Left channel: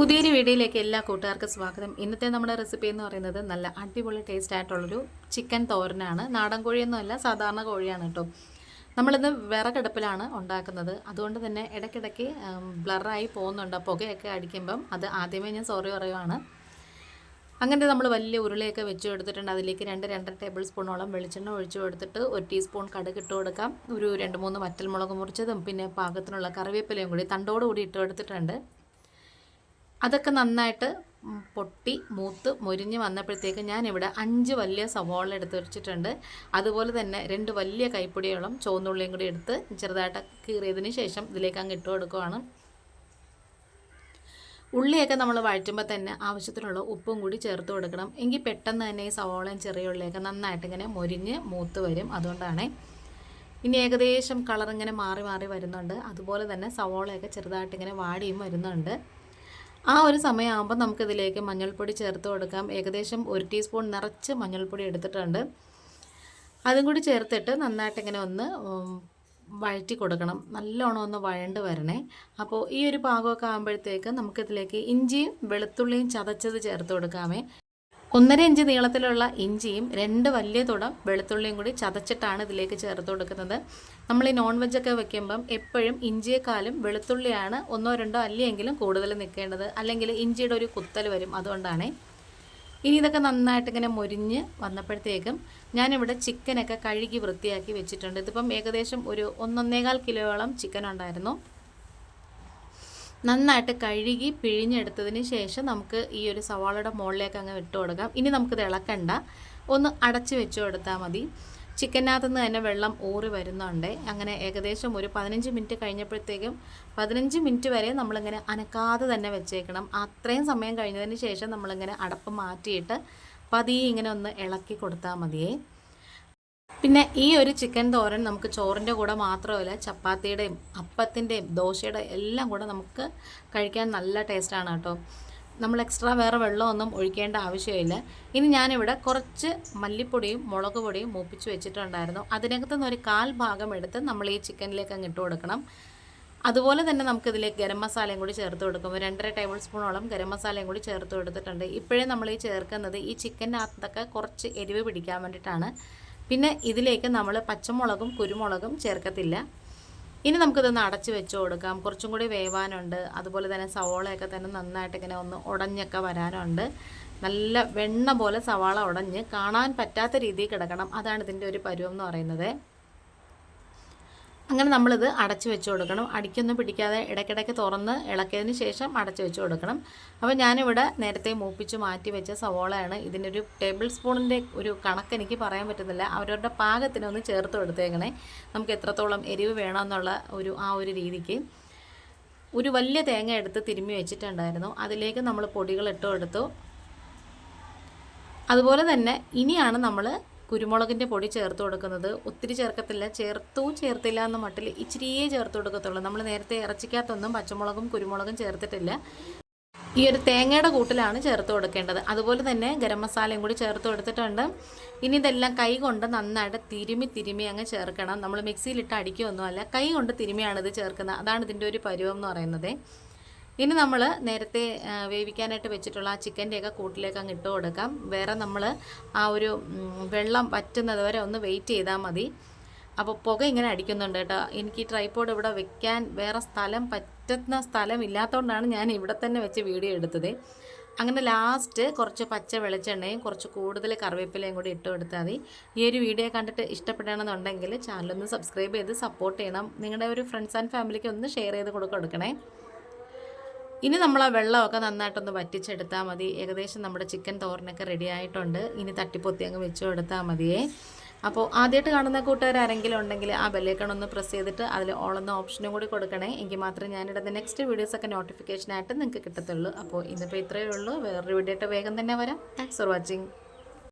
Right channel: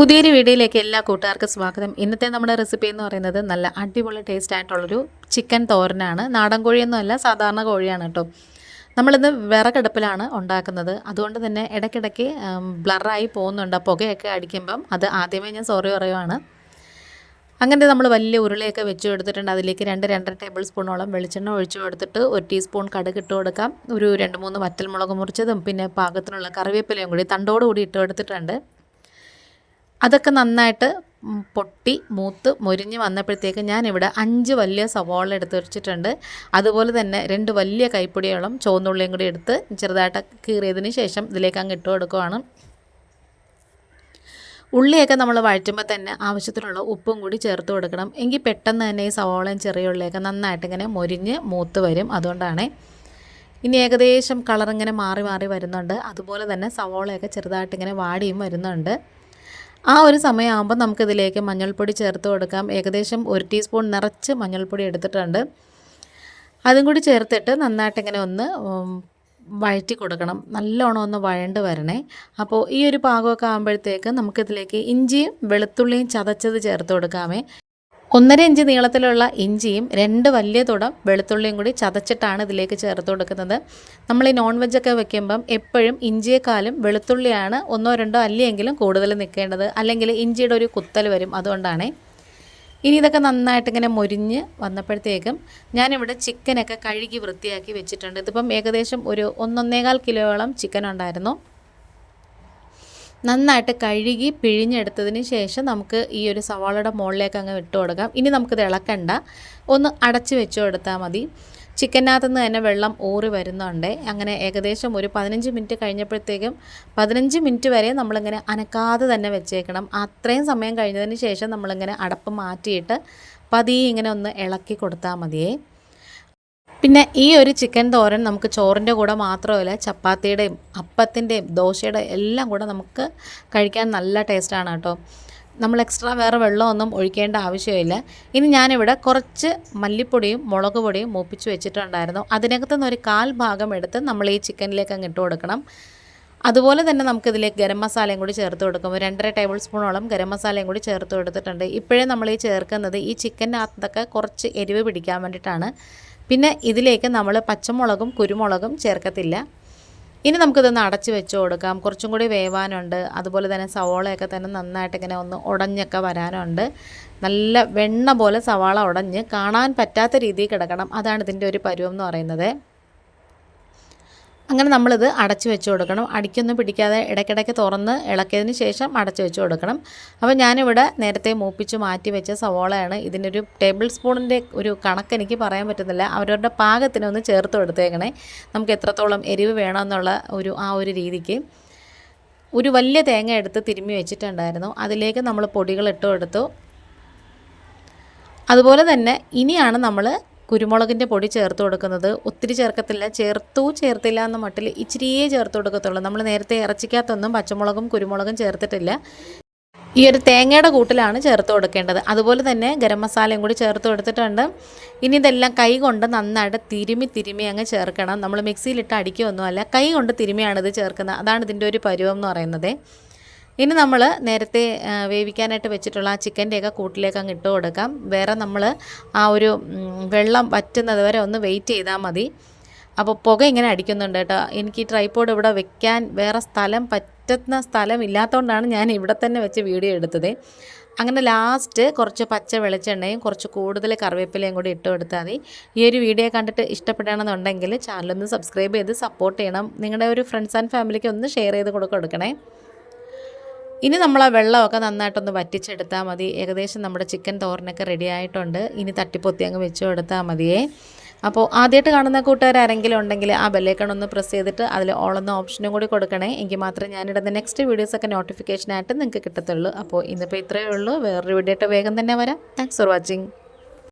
പുതിയൊരു വീഡിയോയിലേക്ക് എല്ലാ കൂട്ടുകാർക്കും സ്വാഗതം. ഇന്നത്തെ നമ്മുടെ റെസിപ്പി എന്ന് പറയുന്നത് നല്ല അടിപൊളി ടേസ്റ്റ് ആയിട്ടുള്ളൊരു ചിക്കൻ തോരനാണ്. നാടൻ കോഴിയൊന്നുമല്ല, സാധാരണ കോഴിയാണ് കേട്ടോ. നമ്മളിന്ന് വിറകടുപ്പിലാണ് ഉണ്ടാക്കുന്നത്. അതുകൊണ്ട് തന്നെ ഇടയ്ക്കിടയ്ക്ക് ബ്ലറായി പോകുന്നുണ്ട്. പുകയൊക്കെ അടിക്കുമ്പം അത് ആദ്യമേ ഞാൻ സോറി പറയുവാണ്. അങ്ങനെ നമ്മൾ വലിയ ഉരുളയൊക്കെ വെച്ച് കൊടുത്തിട്ടുണ്ട്. അതിലേക്ക് 2-2.5 ടേബിൾ സ്പൂണോളം വെളിച്ചെണ്ണ ഒഴിച്ചു കൊടുത്തിട്ട് 1 ടീസ്പൂൺ കടുക് ഇട്ട് കൊടുക്കാം. ഒരു 2-3 വറ്റൽമുളക് മുറിച്ചതും പിന്നെ പാകത്തിനുള്ള കറിവേപ്പിലയും കൂടി തണ്ടോടുകൂടി ഇട്ട് കൊടുത്തിട്ടുണ്ട്. അതൊക്കെ നന്നായിട്ട് പൊട്ടി മൂത്ത് മൊരിഞ്ഞ് വന്നപ്പോഴത്തേക്ക് ഞാനിവിടെ 5 വലിയ സവാള എടുത്ത് വെച്ചിട്ടുണ്ട്. അതുപോലെ തന്നെ 2 വലിയ കൈപ്പൊടിയോളം ചുവന്നുള്ളിയും കൂടി എടുത്ത് ചെറുതായിട്ട് കീറിയതിന് ശേഷം ഇതിലേക്ക് അങ്ങ് ഇട്ട് കൊടുക്കുകയാണ്. ഉള്ളിയൊക്കെ നമ്മൾ വഴറ്റുമ്പോൾ തന്നെ ആവശ്യത്തിനുള്ള ഉപ്പും കൂടി ചേർത്ത് കൊടുക്കണം. എങ്കിൽ പെട്ടെന്ന് തന്നെ ഈ സവാളയും ചെറിയ ഉള്ളിയൊക്കെ നന്നായിട്ട് ഇങ്ങനെ മൊരിഞ്ഞ് മൂത്ത് വരും. അതുകൊണ്ടാണ്. ഇനി ഏകദേശം കളറിങ്ങനെ മാറി മാറി വരുന്നുണ്ട്. അതുപോലെ തന്നെ സവാളയൊക്കെ ചെറുതായിട്ടിങ്ങനെ വാടിയും വരുന്നുണ്ട്. ആ ഒരു സമയമാകുമ്പോൾ നമുക്കിതിലേക്ക് മഞ്ഞൾപ്പൊടി ചേർത്ത് കൊടുക്കാം. ഏകദേശം 1 ടീസ്പൂൺ നിറച്ച് മഞ്ഞൾപ്പൊടി എടുത്തിട്ടുണ്ട്. അതും കൂടി ചേർത്തിട്ട് നന്നായിട്ടിങ്ങനെ ഒന്ന് വഴറ്റി കൊടുക്കണം. നല്ലോണം ഒന്ന് വഴണ്ട് വരണേ. അപ്പോൾ ഈ ഒരു പാകമൊക്കെ ആകുമ്പോഴത്തേക്ക് നമുക്കിതിലേക്ക് ഇഞ്ചിയും വെളുത്തുള്ളിയും ചതച്ചത് ചേർത്ത് കൊടുക്കാമേ. 1.5 ഇഞ്ച് നീളത്തിലുള്ള ഇഞ്ചിയും 2 വലിയ തുടം വെളുത്തുള്ളിയും കൂടി ചതച്ചിട്ടാണ് ഇതിലേക്ക് ചേർത്ത് കൊടുക്കുന്നത്. നമ്മൾ ഈ നോൺ വെജൊക്കെ വെക്കുമ്പം എപ്പോഴും ഇഞ്ചിയേക്കാളും വെളുത്തുള്ളിയാണ് 1-2 അല്ലിയെങ്കിലും കൂടുതൽ നിൽക്കേണ്ടത്. അല്ലെങ്കിൽ ഇഞ്ചിയുടെ ഒരു കുത്തൽ വരും. അതുകൊണ്ടാണ്. ഇനി ഇതൊക്കെ നന്നായിട്ട് ഇങ്ങനെ മൊരിഞ്ഞ് വന്നപ്പോഴത്തേക്കും ഞാനിവിടെ ചിക്കനൊക്കെ കഴുകി വൃത്തിയാക്കി വെച്ചിട്ടുണ്ട്. ഇതിപ്പം ഏകദേശം ഒരു 1-1.25 കിലോയോളം ചിക്കൻ ഉണ്ടായിരുന്നു. നന്നായിട്ട് കഴുകി പിഴിഞ്ഞെടുത്തതിന് ശേഷം നമുക്ക് ഈ ഒരു സവാളയുടെ മുകളിലേക്ക് അങ്ങ് ഇട്ട് കൊടുക്കാം. ഇനി നമുക്കിത് ഇളക്കണ്ട, ഒന്ന് അടച്ച് വെച്ച് കൊടുത്താൽ മതി. ചിക്കനകത്തു നിന്ന് തന്നെ വെള്ളം ഊറി വരുന്നുണ്ട്. അങ്ങനെ ഏകദേശം ഒരു 15 മിനിറ്റ് കഴിഞ്ഞപ്പോഴത്തേക്കും 15 മിനിറ്റ് വരെ നമ്മളിങ്ങനെ അനക്കാതെ തന്നെ വെച്ചേക്കണം. അത്രയും സമയം കഴിഞ്ഞതിന് ശേഷം നമ്മളിങ്ങനെ അടപ്പ് മാറ്റിയിട്ട് പതിയെ ഇങ്ങനെ ഒന്ന് ഇളക്കി കൊടുത്താൽ മതിയേ. പിന്നെ ഈ ഒരു ചിക്കൻ തോരൻ നമുക്ക് ചോറിൻ്റെ കൂടെ മാത്രമല്ല, ചപ്പാത്തിയുടെയും അപ്പത്തിൻ്റെയും ദോശയുടെ എല്ലാം കൂടെ നമുക്ക് കഴിക്കാൻ നല്ല ടേസ്റ്റാണ് കേട്ടോ. നമ്മൾ എക്സ്ട്രാ വേറെ വെള്ളമൊന്നും ഒഴിക്കേണ്ട ആവശ്യമില്ല. ഇനി ഞാനിവിടെ കുറച്ച് മല്ലിപ്പൊടിയും മുളക് പൊടിയും മൂപ്പിച്ച് വെച്ചിട്ടുണ്ടായിരുന്നു. അതിനകത്തു നിന്ന് ഒരു 1/4 ഭാഗം എടുത്ത് നമ്മൾ ഈ ചിക്കനിലേക്ക് അങ്ങ് ഇട്ട് കൊടുക്കണം. അതുപോലെ തന്നെ നമുക്കിതിലേക്ക് ഗരം മസാലയും കൂടി ചേർത്ത് കൊടുക്കും. 2.5 ടേബിൾ സ്പൂണോളം ഗരം മസാലയും കൂടി ചേർത്ത് കൊടുത്തിട്ടുണ്ട്. ഇപ്പോഴേ നമ്മൾ ഈ ചേർക്കുന്നത് ഈ ചിക്കനകത്തൊക്കെ കുറച്ച് എരിവ് പിടിക്കാൻ വേണ്ടിയിട്ടാണ്. പിന്നെ ഇതിലേക്ക് നമ്മൾ പച്ചമുളകും കുരുമുളകും ചേർക്കത്തില്ല. ഇനി നമുക്കിതൊന്ന് അടച്ച് വെച്ച് കൊടുക്കാം. കുറച്ചും കൂടി വേവാനുണ്ട്. അതുപോലെ തന്നെ സവാളയൊക്കെ തന്നെ നന്നായിട്ട് ഇങ്ങനെ ഒന്ന് ഉടഞ്ഞൊക്കെ വരാനുണ്ട്. നല്ല വെണ്ണ പോലെ സവാള ഉടഞ്ഞ് കാണാൻ പറ്റാത്ത രീതിയിൽ കിടക്കണം. അതാണ് ഇതിൻ്റെ ഒരു പരുവം എന്ന് പറയുന്നത്. അങ്ങനെ നമ്മളിത് അടച്ച് വെച്ച് കൊടുക്കണം. അടിക്കൊന്നും പിടിക്കാതെ ഇടയ്ക്കിടയ്ക്ക് തുറന്ന് ഇളക്കിയതിന് ശേഷം അടച്ച് വെച്ച് കൊടുക്കണം. അപ്പോൾ ഞാനിവിടെ നേരത്തെ മൂപ്പിച്ച് മാറ്റി വെച്ച സവോളയാണ്. ഇതിനൊരു ടേബിൾ സ്പൂണിൻ്റെ ഒരു കണക്ക് എനിക്ക് പറയാൻ പറ്റുന്നില്ല. അവരവരുടെ പാകത്തിനൊന്ന് ചേർത്ത് കൊടുത്തേക്കണേ. നമുക്ക് എത്രത്തോളം എരിവ് വേണമെന്നുള്ള ഒരു രീതിക്ക്. ഒരു വലിയ തേങ്ങ എടുത്ത് തിരുമ്മി വെച്ചിട്ടുണ്ടായിരുന്നു. അതിലേക്ക് നമ്മൾ പൊടികൾ ഇട്ട് കൊടുത്തു. അതുപോലെ തന്നെ ഇനിയാണ് നമ്മൾ കുരുമുളകിൻ്റെ പൊടി ചേർത്ത് കൊടുക്കുന്നത്. ഒത്തിരി ചേർക്കത്തില്ല, ചേർത്തില്ല എന്ന മട്ടിൽ ഇച്ചിരിയേ ചേർത്ത് കൊടുക്കത്തുള്ളൂ. നമ്മൾ നേരത്തെ ഇറച്ചിക്കകത്തൊന്നും പച്ചമുളകും കുരുമുളകും ചേർത്തിട്ടില്ല. ഈ ഒരു തേങ്ങയുടെ കൂട്ടിലാണ് ചേർത്ത് കൊടുക്കേണ്ടത്. അതുപോലെ തന്നെ ഗരം മസാലയും കൂടി ചേർത്ത് കൊടുത്തിട്ടുണ്ട്. ഇനി ഇതെല്ലാം കൈ കൊണ്ട് നന്നായിട്ട് തിരുമ്മി അങ്ങ് ചേർക്കണം. നമ്മൾ മിക്സിയിലിട്ട് അടിക്കുകയൊന്നുമല്ല, കൈ കൊണ്ട് തിരുമ്മിയാണിത് ചേർക്കുന്നത്. അതാണ് ഇതിൻ്റെ ഒരു പരുവം എന്ന് പറയുന്നത്. ഇനി നമ്മൾ നേരത്തെ വേവിക്കാനായിട്ട് വെച്ചിട്ടുള്ള ആ ചിക്കൻ്റെയൊക്കെ കൂട്ടിലേക്ക് അങ്ങ് ഇട്ട് കൊടുക്കാം. വേറെ നമ്മൾ ആ ഒരു വെള്ളം വറ്റുന്നത് വരെ ഒന്ന് വെയിറ്റ് ചെയ്താൽ മതി. അപ്പോൾ പുക ഇങ്ങനെ അടിക്കുന്നുണ്ട് കേട്ടോ. എനിക്ക് ഈ ട്രൈപോഡ് ഇവിടെ വെക്കാൻ വേറെ പറ്റുന്ന സ്ഥലം ഇല്ലാത്തതുകൊണ്ടാണ് ഞാൻ ഇവിടെ തന്നെ വെച്ച് വീഡിയോ എടുത്തത്. അങ്ങനെ ലാസ്റ്റ് കുറച്ച് പച്ച വെളിച്ചെണ്ണയും കുറച്ച് കൂടുതൽ കറിവേപ്പിലയും കൂടി ഇട്ട് കൊടുത്താൽ മതി. ഈ ഒരു വീഡിയോ കണ്ടിട്ട് ഇഷ്ടപ്പെടുകയാണെന്നുണ്ടെങ്കിൽ ചാനലൊന്ന് സബ്സ്ക്രൈബ് ചെയ്ത് സപ്പോർട്ട് ചെയ്യണം. നിങ്ങളുടെ ഒരു ഫ്രണ്ട്സ് ആൻഡ് ഫാമിലിക്ക് ഒന്ന് ഷെയർ ചെയ്ത് കൊടുക്കണേ. ഇനി നമ്മൾ ആ വെള്ളമൊക്കെ നന്നായിട്ടൊന്ന് വറ്റിച്ചെടുത്താൽ മതി. ഏകദേശം നമ്മുടെ ചിക്കൻ തോരനൊക്കെ റെഡി ആയിട്ടുണ്ട്. ഇനി തട്ടിപ്പൊത്തി അങ്ങ് വെച്ച് കൊടുത്താൽ മതിയേ. അപ്പോൾ ആദ്യമായിട്ട് കാണുന്ന കൂട്ടുകാരെങ്കിലും ഉണ്ടെങ്കിൽ ആ ബെല്ലൈക്കൺ ഒന്ന് പ്രസ് ചെയ്തിട്ട് അതിൽ ഓൾ എന്ന ഓപ്ഷനും കൂടി കൊടുക്കണേ. എങ്കിൽ മാത്രമേ ഞാനിടുന്ന നെക്സ്റ്റ് വീഡിയോസൊക്കെ നോട്ടിഫിക്കേഷനായിട്ട് നിങ്ങൾക്ക് കിട്ടത്തുള്ളൂ. അപ്പോൾ ഇന്നിപ്പോൾ ഇത്രയേ ഉള്ളൂ. വേറൊരു വീഡിയോ ആയിട്ട് വേഗം തന്നെ വരാം. Thanks for watching.